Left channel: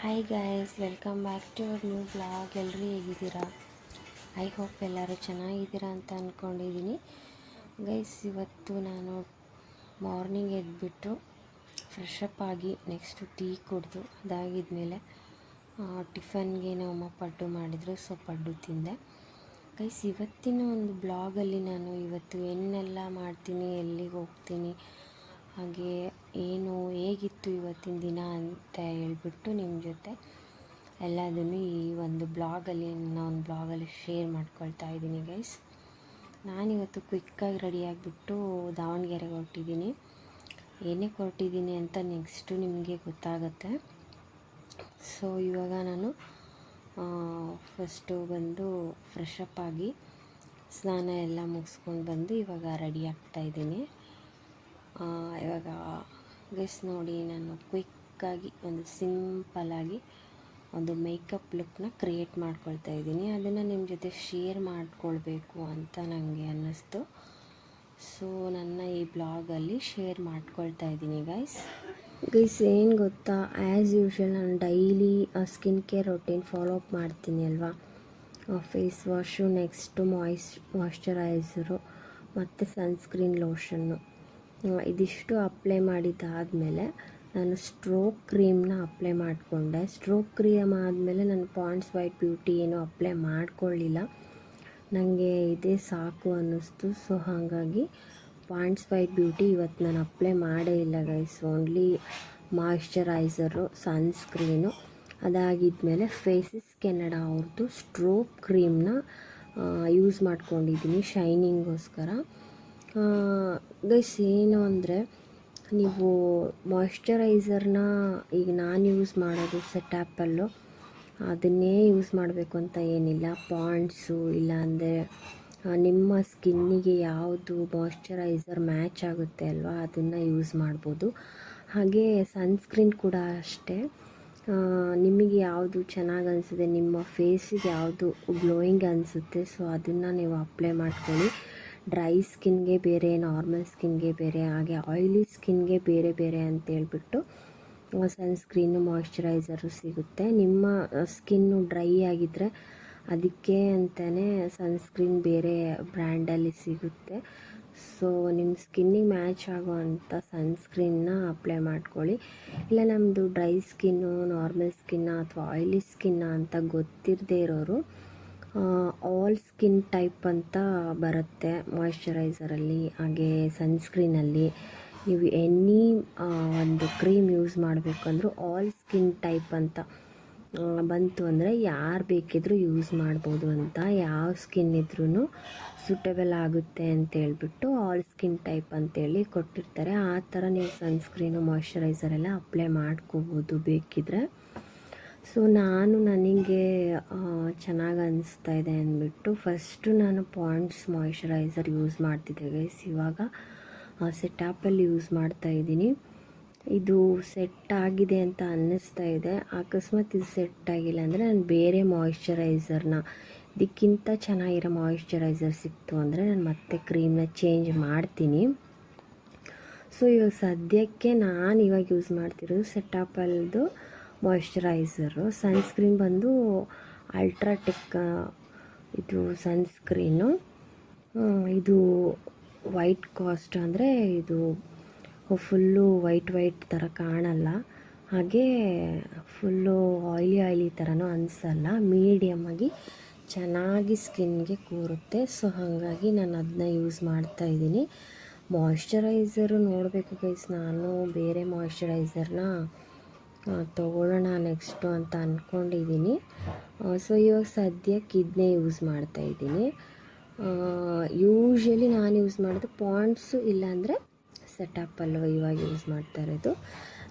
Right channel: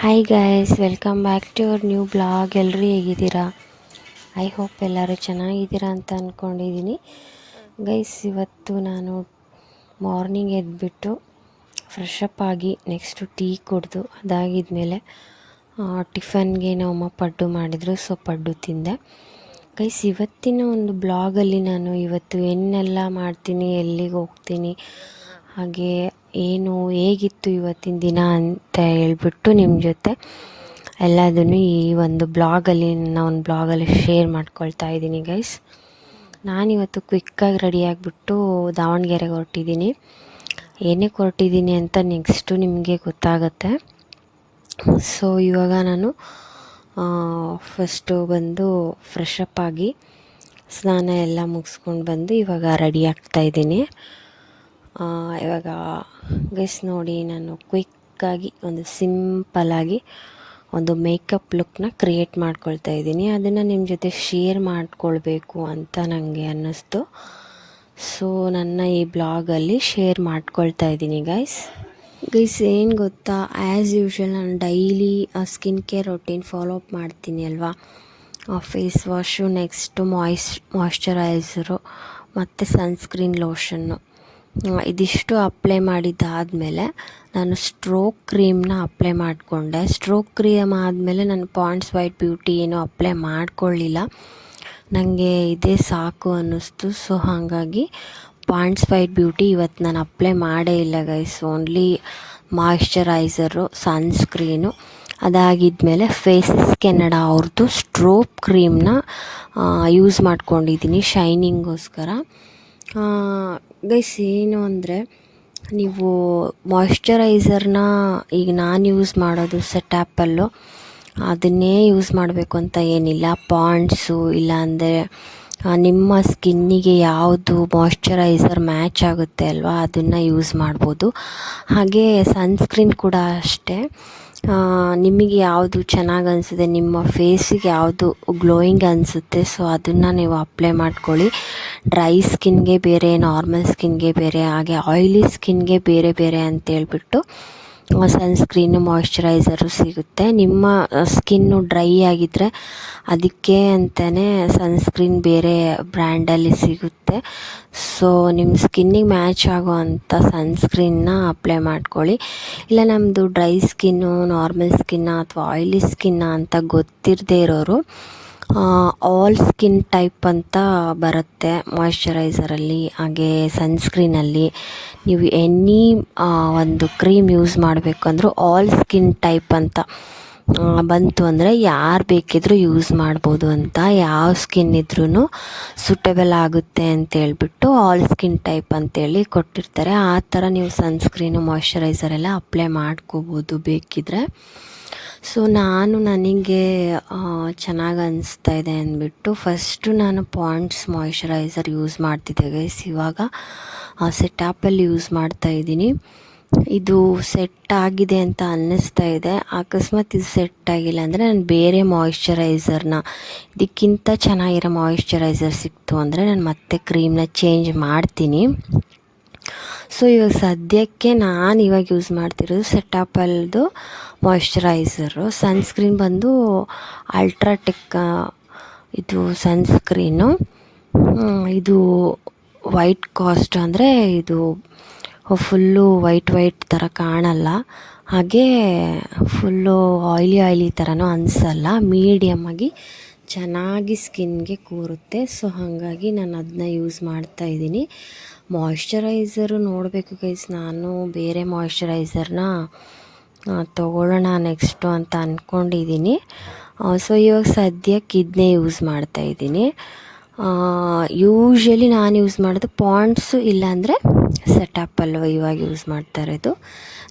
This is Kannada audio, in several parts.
Hi guys, welcome back to our new blog. ಎಲ್ಲರೂ ಹೇಗಿದ್ದೀರಾ? ಐ ಹೋಪ್ ಎಲ್ಲರೂ ಚೆನ್ನಾಗಿದ್ದೀರಾ ಅಂತ ಅಂದ್ಕೊಂಡಿದ್ದೀನಿ. ಗೈಸ್, ಇವತ್ತು ನಾನು ಮಾರ್ನಿಂಗ್ ಎದ್ದುಬಿಟ್ಟು ಫ್ರೆಶ್ ಅಪ್ ಆಗಿ ನೆಕ್ಸ್ಟು ಟೀ ಕುಡಿದು ಅದಾಗಿದ್ಮೇಲೆ ಟಿಫನ್ಗೆ ನಮ್ಮಮ್ಮ ಪಡ್ಡು ಮಾಡಿದರು. ಸೊ ಪಡ್ಡು ತಿಂದೆ. ಗೈಸ್, ಇವತ್ತಿನ ಒಂದು ಬ್ಲಾಗಲ್ಲಿ ನಾನು ಇವತ್ತು ಏನೆಲ್ಲ ಮಾಡ್ತೀನಿ, ಎಲ್ಲಿಗೆ ಹೋಗ್ತೀನಿ, ಹಾಗೆ ಏನು ಹೇಗಿತ್ತು ಇವತ್ತಿನ ದಿನ ಅಂತ ಹೇಳ್ಬಿಟ್ಟು ನಿಮ್ಮ ಜೊತೆ ಎಲ್ಲದನ್ನು ಈ ಒಂದು ಬ್ಲಾಗಲ್ಲಿ ನನ್ನ ಒಂದು ಬ್ಲಾಗಲ್ಲಿ ಶೇರ್ ಮಾಡ್ಕೊಳ್ತಾ ಇದ್ದೀನಿ. ಗೈಸ್, ನಾನಿವತ್ತು ಕ್ವಿಕ್ಕಾಗಿ ರೆಡಿಯಾಗಿಬಿಟ್ಟು ದಾವಣಗೆರೆಗೆ ಹೊರಟಿದ್ದೀನಿ. ಏನಕ್ಕೆ ಹೊರಟಿದ್ದೀನಿ ಅಂತ ನೆಕ್ಸ್ಟು ನಿಮಗೆ ಗೊತ್ತಾಗುತ್ತೆ. ಸೊ ಇವಾಗ ನಾನು ಫಸ್ಟು ಬಂದು ಫ್ರೆಶ್ ಅಪ್ ಆಗಿ ಸ್ನಾನ ಎಲ್ಲ ಮುಗಿಸ್ಕೊಂಡು ಬಂದು ಇವಾಗ ರೆಡಿ ಆಗ್ತಾಯಿದ್ದೀನಿ. ಇವಾಗ ಗೈಸ್ ನೋಡಿ, ನಾನು ಕ್ವಿಕ್ಕಾಗಿ ಒಂದು ಸಿಂಪಲ್ಲಾಗಿ ಒಂದು ಮೇಕಪ್ ಲುಕ್ನ ಕ್ರಿಯೇಟ್ ಮಾಡ್ಕೊಳ್ತಾ ಇದ್ದೀನಿ. ಅದನ್ನು ನಿಮ್ಮ ಜೊತೆ ಶೇರ್ ಮಾಡ್ಕೊಳ್ಬೇಕು ಅಂತ ನನಗೆ ಅನ್ನಿಸ್ತು. ಸೊ ನನ್ನ ಈ ಬ್ಲಾಗಲ್ಲಿ ಶೇರ್ ಮಾಡ್ಕೊಳ್ತಾ ಇದ್ದೀನಿ. ಗೈಸ್, ಏನು ಗೊತ್ತಾ, ಆ್ಯಸ್ ಯೂಶ್ವಲ್ ನಾನು daily skin care routine follow up ಮಾಡ್ತೀನಿ ಅಲ್ವಾ. ಫೇಸ್ ವಾಶು, ನೆಕ್ಸ್ಟು ಮಾಯ್ಶ್ಚರೈಸರು ಮತ್ತು ಸನ್ಸ್ಕ್ರೀನ್ ಲೋಷನ್ನು, ಇದಿಷ್ಟು ಅಪ್ಲೈ ಮಾಡಿದ್ದಾದಮೇಲೆ ನಾನು ಸ್ಟ್ರೋಕ್ ಕ್ರೀಮ್ನ ಅಪ್ಲೈ ಮಾಡಿಕೊಂಡೆ. ಸ್ಟ್ರೋಕ್ ಕ್ರೀಮ್ ಆದಮೇಲೆ ನಾನು ಪಾಂಡ್ಸ್ ವೈಟ್ ಬ್ಯೂಟಿ ಏನೂ ಅಪ್ಲೈ ಮಾಡ್ಕೊಳ್ಳಿಲ್ಲ. ನನಗೆ ಇದೇ ಸಾಕು ಅನ್ನಿಸ್ತು. ಸೊ ಹಾಗಾಗಿ ಪಾಂಡ್ಸ್ ವೈಟ್ ಬ್ಯೂಟಿ ಇವತ್ತು ನಾನು ಅಪ್ಲೈ ಮಾಡೇ ಇಲ್ಲ ಗೈಸ್. ಓನ್ಲಿ ಮಾಯ್ಶ್ಚರೈಸರು, ಸನ್ಸ್ಕ್ರೀನು, ಅದಾಗಿದ್ಮೇಲೆ ಫೇಸಸ್ ಕೆನಡಾ ಅವ್ರದ್ದು ಸ್ಟ್ರೋಕ್ ಕ್ರೀಮ್ನ ಯೂಸ್ ಮಾಡ್ಕೊಂಡಿದ್ದೀನಿ ಶೈನಿಂಗೋಸ್ಕರ. ಗೈಸ್, ಏನು ಅಂದರೆ, ನೀವು ಮಾಯ್ಶ್ಚರೈಸರ್ನ ಈಗ ನಾನು ಯೂಸ್ ಮಾಡೋದು ಸೆಟ್-ಆ್ಯಪಲ್ಲು, ಅದನ್ನೇ ಯೂಸ್ ಮಾಡಬೇಕು ಅಂತ ಏನಿಲ್ಲ. ಪಾಂಡ್ಸು ಇಲ್ಲಾಂದರೆ ನಿಮ್ಮ ಸ್ಕಿನ್ನಿಗೆ ಯಾವುದು ಮಾಯ್ಶ್ಚರೈಸರ್ ಮ್ಯಾಚ್ ಆಗುತ್ತೆ ಅಲ್ವಾ, ಅದನ್ನು ಯೂಸ್ ಮಾಡ್ಬೋದು. ಹಾಗೆ ಸನ್ಸ್ಕ್ರೀನ್ ಕೂಡ ಅಷ್ಟೇ, ನಿಮಗೆ ಯಾವುದು ಚೆನ್ನಾಗಿ ಅನಿಸುತ್ತೆ, ನಿಮ್ಮ ಫೇಸಿಗೆ ಯಾವುದು ಗ್ಲೋಯಿಂಗ್ ಅನಿಸುತ್ತೆ, ಸೊ ಅದನ್ನು ನೀವು ಅಪ್ಲೈ ಮಾಡ್ಕೊಳ್ಳಿ. ಡ್ರೈ ಸ್ಕಿನ್ಗೆ ಬೇರೆ, ನಾರ್ಮಲ್ ಸ್ಕಿನ್ಗೆ ಬೇರೆ, ಹಾಗೆ ಆಯಿಲಿ ಸ್ಕಿನ್ಗೆ ಬೇರೆ ಬೇರೆ ಅಂತೇಳ್ಬಿಟ್ಟು ಸನ್ಸ್ಕ್ರೀನು, ಮಾಯ್ಶ್ಚರೈಸರು ಸಿಗುತ್ತೆ. ನಿಮ್ಮ ಸ್ಕಿನ್ನು ಡ್ರೈ ಆಗಿದ್ದರೆ ಅದಕ್ಕೆ ಅಂತಲೇ ಸನ್ಸ್ಕ್ರೀನ್ ಬೇರೆ ಬ್ರ್ಯಾಂಡಲ್ಲಿ ಸಿಗುತ್ತೆ. ಸೊ ನಿಮ್ಮ ಸ್ಕಿನ್ನಿಗೆ ಮ್ಯಾಚ್ ಆಗೋ ಅಂಥ ಸನ್ಸ್ಕ್ರೀನ್ನ ಅಪ್ಲೈ ಮಾಡ್ಕೊಳ್ಳಿ. ಇಲ್ಲ ನಮ್ಮದು ಡ್ರೈ ಸ್ಕಿನ್ನು, ನಾರ್ಮಲ್ ಸ್ಕಿನ್ನ ಅಥವಾ ಆಯಿಲಿ ಸ್ಕಿನ್ನ ಅಂತ ಗೊತ್ತಿರದೇ ಇರೋರು ಆಲ್ ಸ್ಕಿನ್ ಟೈಪ್ ಅಂತ ಬರುತ್ತೆ ಮಾಯ್ಶ್ಚರೈಸರಲ್ಲಿ, ಹಾಗೆ ಸನ್ಸ್ಕ್ರೀನಲ್ಲಿ. ನೀವು ಎನಿ ಒಂದು ಕ್ರೀಮ್ ಯೂಸ್ ಮಾಡಬೇಕು ಅಂದರೂ ಆಲ್ ಸ್ಕಿನ್ ಟೈಪ್ ಅಂತ ಬಂತು ಅಂದರೆ ಯಾರು ಬೇಕಿದ್ರೂ ಯೂಸ್ ಮಾಡ್ಬೋದು ಅಂತ, ಯಾವ ಸ್ಕಿನ್ ಇದ್ರೂ ಸೂಟೇಬಲ್ ಆಗುತ್ತೆ ಅಂತೇಳ್ಬಿಟ್ಟು ಆಲ್ ಸ್ಕಿನ್ ಟೈಪ್ ಅಂತೇಳಿ ಕೊಟ್ಟಿರ್ತಾರೆ. ಆ ಥರ ನೀವು ಸನ್ಸ್ಕ್ರೀನು, ಮಾಯ್ಶ್ಚರೈಸರ್ ಎಲ್ಲ ಅಪ್ಲೈ ಮಾಡ್ಕೋಬೋದು ಬೇಕಿದ್ದರೆ. ಸೊ ನನಗೆ ಚೆನ್ನಾಗಿ ಅನಿಸ್ತಾ ಇದೆ ಅಂದ್ಬಿಟ್ಟು ಫಸ್ಟು ನಾನು ಪಾಂಡ್ಸ್ ಮಾಯ್ಶ್ಚರೈಸರ್ ಯೂಸ್ ಮಾಡ್ತಿದ್ದೆ ಗೈಸ್. ಇವಾಗ ಸೆಟ್-ಆ್ಯಪಲ್ಲಿ ಯೂಸ್ ಮಾಡ್ತಾಯಿದ್ದೀನಿ. ಇದು ಸೆಟ್ ಆಗಿದೆ ಅಂತ ಅನ್ನಿಸ್ತಾ ಇದೆ. ಅಕಸ್ಮಾತ್ ಇದು ಸೆಟ್ ಆಗಿಲ್ಲ ಅಂದರೆ ನಾನು ಬೇರೆ ಮಾಯ್ಶ್ಚರೈಸರ್ನ, ಇದಕ್ಕಿಂತ ಚೆನ್ನಾಗಿರೋ ಮಾಯ್ಶ್ಚರೈಸರ್ ಸಿಕ್ತು ಅಂದರೆ ನಾನು ಮತ್ತೆ ಕ್ರೀಮ್ನ ಚೇಂಜ್ ಮಾಡ್ತೀನಿ. ಸೊ ಇವಾಗ ಸದ್ಯಕ್ಕೆ ನಾನು ಇವಾಗ ಯೂಸ್ ಮಾಡ್ತಿರೋದು ಸೆಟ್-ಆ್ಯಪಲ್ದು ಮಾಯ್ಶ್ಚರೈಸರು. ಸನ್ಸ್ಕ್ರೀನ್ ಬಂದು ಅಲ್ಟ್ರಾಟೆಕ್ ಇದು ಸನ್ಸ್ಕ್ರೀನು. ಇದು ವೈಟ್ ಕಾಸ್ಟ್, ಅಂದರೆ ಇದು ಫುಲ್ಲು ವೈಟ್ ಥರ ಕಾಣಲ್ಲ, ಹಾಗೆ ಫುಲ್ಲು ಆಯ್ಲಿ ಥರನೂ ಅನಿಸಲ್ಲ, ಮೀಡಿಯಮ್ಮಾಗಿ ಚೆನ್ನಾಗಿ ಸ್ಕಿನ್ಗೆ ಕೂರುತ್ತೆ. ಸೊ ಹಾಗಾಗಿ ನಾನು ಅದನ್ನ ಯೂಸ್ ಮಾಡ್ತಾಯಿದ್ದೀನಿ. ಮಾಯ್ಶ್ಚರೈಸರು ನೋಡಬೇಕು ಗೈಸ್, ನಾನು ಬೇರೆ ಮಾಯ್ಶ್ಚರೈಸರ್ನ ತೊಗೊಳ್ಳೋಣ ನೆಕ್ಸ್ಟು ಅಂತ ಅಂದ್ಕೊಂಡಿದ್ದೀನಿ. ಸೊ ಇವಾಗ ಸದ್ಯಕ್ಕೆ ಇದನ್ನೇ ಯೂಸ್ ಮಾಡ್ತಾಯಿದ್ದೀನಿ. ಯೂಶ್ವಲಿ ನಾನು ಯೂಸ್ ಮಾಡೋದು ಪಾಂಡ್ಸು ಇಲ್ಲಾಂದರೆ ಸೆಟ್-ಆ್ಯಪಲ್ಲು ಇವಾಗ ಯೂಸ್ ಮಾಡ್ತಾ ಇರೋದು.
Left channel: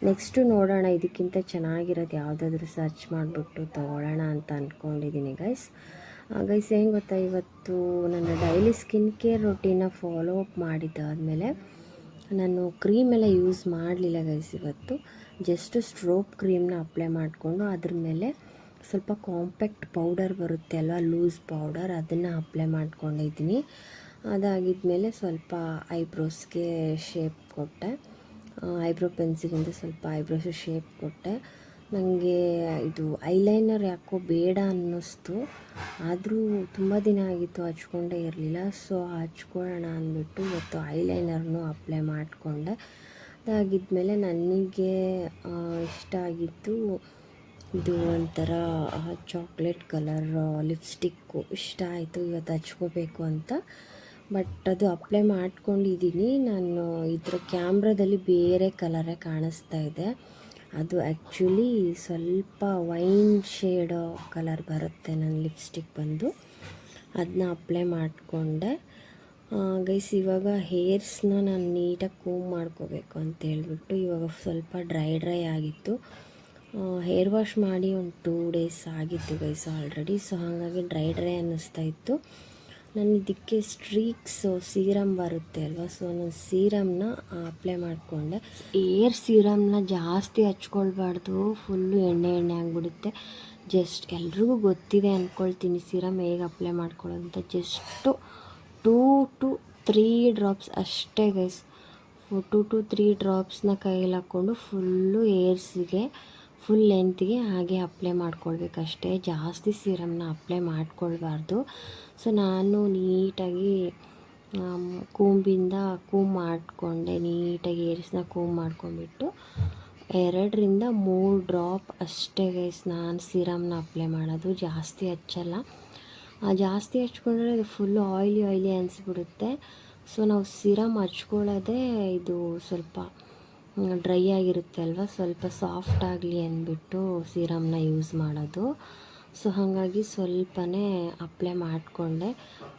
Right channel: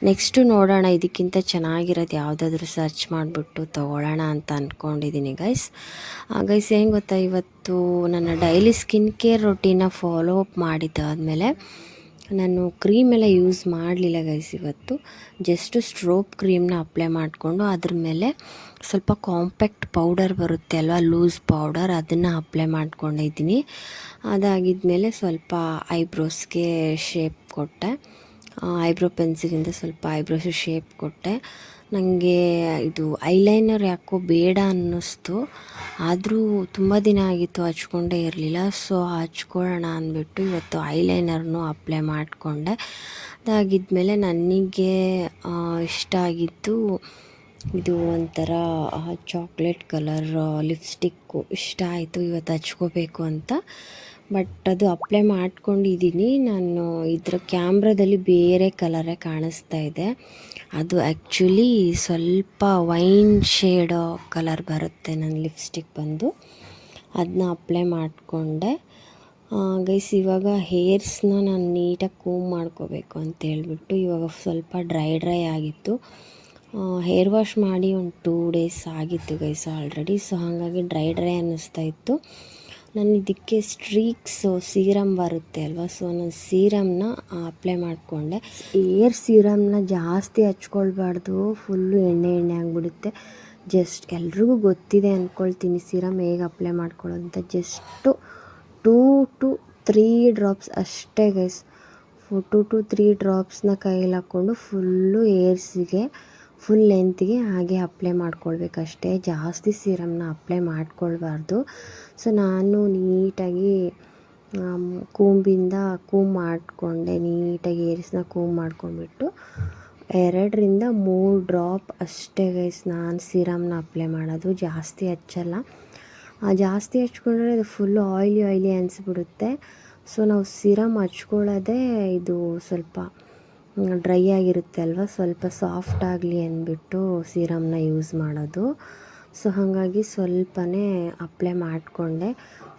ನೆಕ್ಸ್ಟು ನೋಡೋಣ, ಇದಕ್ಕಿಂತ ಚೆನ್ನಾಗಿರೋದು ಯಾವುದಾದ್ರೂ ಸರ್ಚ್ ಮಾಡಿಬಿಟ್ಟು ತೊಗೊಳ್ಳೋಣ ಅಂತ ಅಂದ್ಕೊಂಡಿದ್ದೀನಿ ಗೈಸ್. ಏನು ಗೊತ್ತಾ, ಇವತ್ತು ನನ್ನ ಡೈಲಿ ಸ್ಕಿನ್ ಕೇರ್ ರೊಟೀನ ಫಾಲೋ ಅಪ್ ಮಾಡಿದ್ದಾದಮೇಲೆ ನಾನು ಕ್ರೀಮೆಲ್ಲ ಯೂಸ್ ಮಾಡಲಿಲ್ಲ ಗೈಸ್. ಇವತ್ತು ಜಸ್ಟು ಸ್ಟ್ರೋಕ್ ಕ್ರೀಮ್ನ ಅಪ್ಲೈ ಮಾಡಿಕೊಂಡು ಅದ್ರ ಮೇಲೆ ಸ್ವಲ್ಪ ಕಾಂಪ್ಯಾಕ್ಟ್ ಪೌಡರ್ ಬರುತ್ತೆ ಅಲ್ವಾ, ಲೂಸ್ ಪೌಡರ್, ಅದನ್ನು ಅಪ್ಲೈ ಮಾಡ್ಕೊಂಡಿದ್ದೀನಿ. ಅದಾಗಿದ್ಮೇಲೆ ಸ್ವಲ್ಪ ಐಬ್ರೋಸ್ಗೆ ಶೇಪ್ ಕೊಟ್ಟೆ. ಐಬ್ರೋ ಪೆನ್ಸಿಲಿಂದ ಸ್ವಲ್ಪ ಐಬ್ರೋಸು ಶೇಪ್ ಕೊಟ್ಟೆ. ನನಗೆ ಇದು ಐಲೈನರ್ ಯಾಕೋ ಬೇಡ ಅನ್ನಿಸ್ತು, ಆದರೂ ತುಂಬ ದಿನ ಆಗಿತ್ತು ಹಚ್ಕೊಂಡೇ ಇರಲಿಲ್ಲ. ಸೊ ಹಚ್ಕೊಳ್ಳೋಣ ಅಂದ್ಬಿಟ್ಟು ಇವತ್ತು ಐಲೈನರ್ನು ಅಪ್ಲೈ ಮಾಡಿಕೊಂಡೆ. ಅದಾಗಿದ್ಮೇಲೆ ನನಗೆ ಇಷ್ಟ ಆಗಿದ್ದು ಇದು ಒಂಥರ ಚಾಕ್ಲೇಟ್ ಕಲರ್ ಲಿಪ್ಸ್ಟಿಕ್ಕು ಇಷ್ಟ ಆಯಿತು, ಇವತ್ತು ಹಚ್ಕೋಬೇಕು ಅಂತ. ಬಟ್ ಅದು ಅಪ್ಲೈ ಮಾಡ್ಕೊಂಡಿದ್ದೀನಿ ನಾನು. ಇದರ ಕ್ಯಾಮ್ರಾದಲ್ಲಿ ಬೇರೆ ಕಲರೇ ಕಾಣಿಸ್ತಾ ಇದೆ. ಅದು ಆ್ಯಕ್ಚುಲಿ ಸ್ವಲ್ಪ ವೈನ್ ಶೇಡ್ ಕಲರ್ ಬರುತ್ತೆ ನನ್ನ ಲಿಪ್ಸ್ಟಿಕ್ ಬಂದು. ಅದನ್ನ ಅಪ್ಲೈ ಮಾಡಿಕೊಂಡೆ. ಗೈಸ್ ಇವಾಗ ಹೇರ್ಸ್ನ ನಾನು ನೀಟಾಗಿ ಕೂಮ್ ಮಾಡ್ಕೋಬೇಕು ಅಂತ ಹೇಳ್ಬಿಟ್ಟು ಇವಾಗ ಸ್ವಲ್ಪ ಡ್ರೈ ಆಗಿತ್ತು. ಹೇರ್ ವಾಶ್ ಮಾಡಿ ಒಂದು 2 days ಆಗಿತ್ತು ಗೈಸ್ ಆಲ್ರೆಡಿ. ಸೊ ಹಾಗಾಗಿ ಡ್ರೈ ಅನ್ನಿಸ್ತಾ ಇತ್ತು. ನಾನು ಇದಕ್ಕೆ ಸ್ಟ್ರೀಕ್ಸು ಸೀರಮ್ ಬರುತ್ತೆ ಅಲ್ವಾ, ಸೊ ನಾನು ಸೀರಮ್ನ ಅಪ್ಲೈ ಮಾಡಿಕೊಂಡೆ. ಏರ್ ಸೀರಮ್ನ ಜಾಸ್ತಿ ಹಚ್ಕೊಳ್ಬಾರ್ದು, ಫುಲ್ಲು ಎಣ್ಣೆ ಆಗಿಬಿಡುತ್ತೆ. ಜಸ್ಟ್ ಎಲ್ರಿಗೂ ಗೊತ್ತಿದೆ ಅಂದ್ಕೊಳ್ತೀನಿ ಸೀರಮ್ ಹೇಗೆ ಅಪ್ಲೈ ಮಾಡ್ಕೊಳ್ಳೋದು ಅಂತ. ಜಸ್ಟು 2 to 3 ಡ್ರಾಪ್ಸ್ ಅಷ್ಟೇ ಗೈಸ್. 2 to 3 ಡ್ರಾಪ್ಸ್ನ ಕೈಯಲ್ಲಿ ಹಾಕ್ಕೊಂಡು ಫುಲ್ಲು ಏರ್ಸಿಗೆ ಫುಲ್ ಲೆಂತ್ಗೆ ಹಾಗೆ ಅಪ್ಲೈ ಮಾಡ್ಕೊಳ್ಬೇಕಷ್ಟೇ. ಜಾಸ್ತಿ ಸೀರಮ್ನ ಅಪ್ಲೈ ಮಾಡ್ಕೊಳ್ಬಾರ್ದು. ಸೊ ನಾನು ನೀಟಾಗಿ ಕೂಂಬಿಂದ ಮಾಡಿಕೊಂಡೆ. ನೀಟಾಗಿ ಏರ್ಸ್ನ ಮಾಡ್ಕೊಂಬಿಟ್ಟು 2ರಿಂದ 3 ಡ್ರಾಪ್ ಅಷ್ಟೇ ಗೈಸ್ ನಾನು ಸೀರಮ್ನ ಅಪ್ಲೈ ಮಾಡೋದು. ಜಾಸ್ತಿ ಹಚ್ಚಲ್ಲ. ಜಾಸ್ತಿ ಹಚ್ಕೊಂಡ್ರೆ ಅದು ಫುಲ್ಲು ಆಯ್ಲಿ ಅನಿಸ್ಬಿಡುತ್ತೆ. ಸೊ ನಾವು ಸೀರಮ್ ಹಚ್ಕೊಳ್ಳೋದೇ ಇದು ಸ್ವಲ್ಪ ಡ್ರೈ ಆಗಿರುತ್ತೆ ಅಲ್ವ, ಸ್ವಲ್ಪ ಸಾಫ್ಟ್ ಆಗಲಿ ಅಂದ್ಬಿಟ್ಟು ಸೀರಮ್ನ ಯೂಸ್ ಮಾಡೋದು. ಸೊ ಹಾಗಾಗಿ ಸ್ವಲ್ಪನೇ ಅಪ್ಲೈ ಮಾಡಿಕೊಂಡೆ.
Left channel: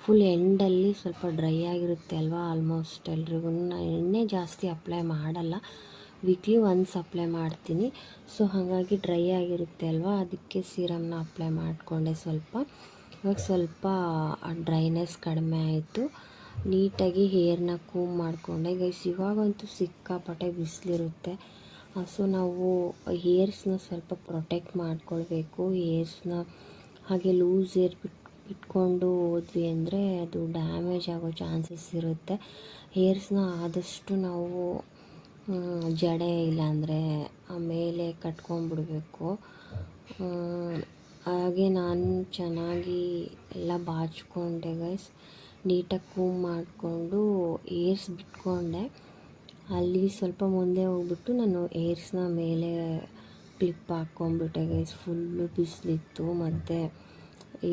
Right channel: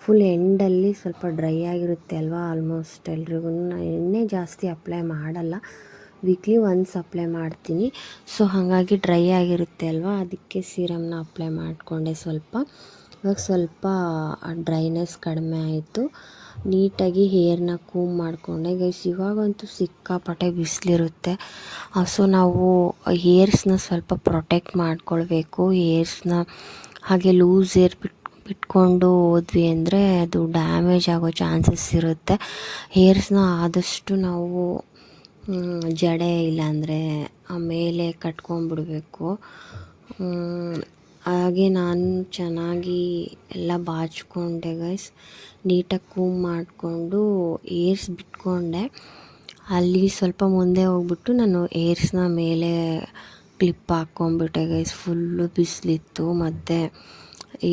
ಫುಲ್ ಎಂಡಲ್ಲಿ ಸ್ವಲ್ಪ ಡ್ರೈ ಆಗಿರುತ್ತೆ ಅಲ್ವಾ, ಆಲ್ಮೋಸ್ಟ್ ಎಲ್ರಿಗೂ ಎಣ್ಣೆ ಜಾಸ್ತಿ ಅಪ್ಲೈ ಮಾಡಲ್ಲ, ವೀಕ್ಲಿ ಒನ್ಸ್ ಅಪ್ಲೈ ಮಾಡ್ತೀನಿ. ಸೊ ಹಾಗಾಗಿ ಡ್ರೈ ಆಗಿರುತ್ತೆ ಅಲ್ವಾ, ಅದಕ್ಕೆ ಸೀರಮ್ನ ಅಪ್ಲೈ ಮಾಡಿಕೊಂಡೆ ಸ್ವಲ್ಪ. ಇವಾಗ ಸ್ವಲ್ಪ ಡ್ರೈನೆಸ್ ಕಡಿಮೆ ಆಯಿತು. ನೀಟಾಗಿ ಹೇರ್ನ ಕೂಮ್ ಮಾಡಿಕೊಂಡೆ ಗೈಸ್. ಇವಾಗಂತೂ ಸಿಕ್ಕಾಪಟ್ಟೆ ಬಿಸಿಲಿರುತ್ತೆ. ಸೊ ನಾವು ಹೇರ್ಸ್ನ ಸ್ವಲ್ಪ ಪ್ರೊಟೆಕ್ಟ್ ಮಾಡ್ಕೊಳ್ಬೇಕು. ಹೇರ್ಸ್ನ ಹಾಗೆ ಲೂಸ್ ಹೇರ್ ಬಿಟ್ಕೊಂಡು ಹೋದ್ವಿ ಅಂದರೆ ಅದು ಡ್ಯಾಮೇಜ್ ಆಗೋ ಚಾನ್ಸಸ್ ಇರುತ್ತೆ. ಹೇರ್ಸ್ನ ಆದಷ್ಟು ನಾವು ಜಡೆ ಇಲ್ಲಾಂದರೆ ಮೇಲೆ ಕಟ್ಕೊಂಡ್ಬಿಡ್ಬೇಕು. ಹಾಗೆ ನಾನು ಚೆನ್ನಾಗಿ ಎಲ್ಲ ಬಾಚ್ಕೊಂಡೆ ಗೈಸ್. ನೀಟಾಗಿ ಕೂಮ್ ಮಾಡಿಕೊಂಡು ಏರ್ಸ್ ಬಿಟ್ಕೊಂಡೆ. ಅಲ್ಲಿ ಸ್ವಲ್ಪ ಮುಂದೆ ಹೋಗ್ಬಿಟ್ಟು ನಾನು ಏರ್ಸ್ನ ಮೇಲೆ ಕ್ಲಿಪ್ ಹಾಕ್ಕೊಂಬಿಟ್ಟೆ ಗೈಸ್. ಫುಲ್ಲು ಬಿಸಿಲಿತ್ತು ಮತ್ತು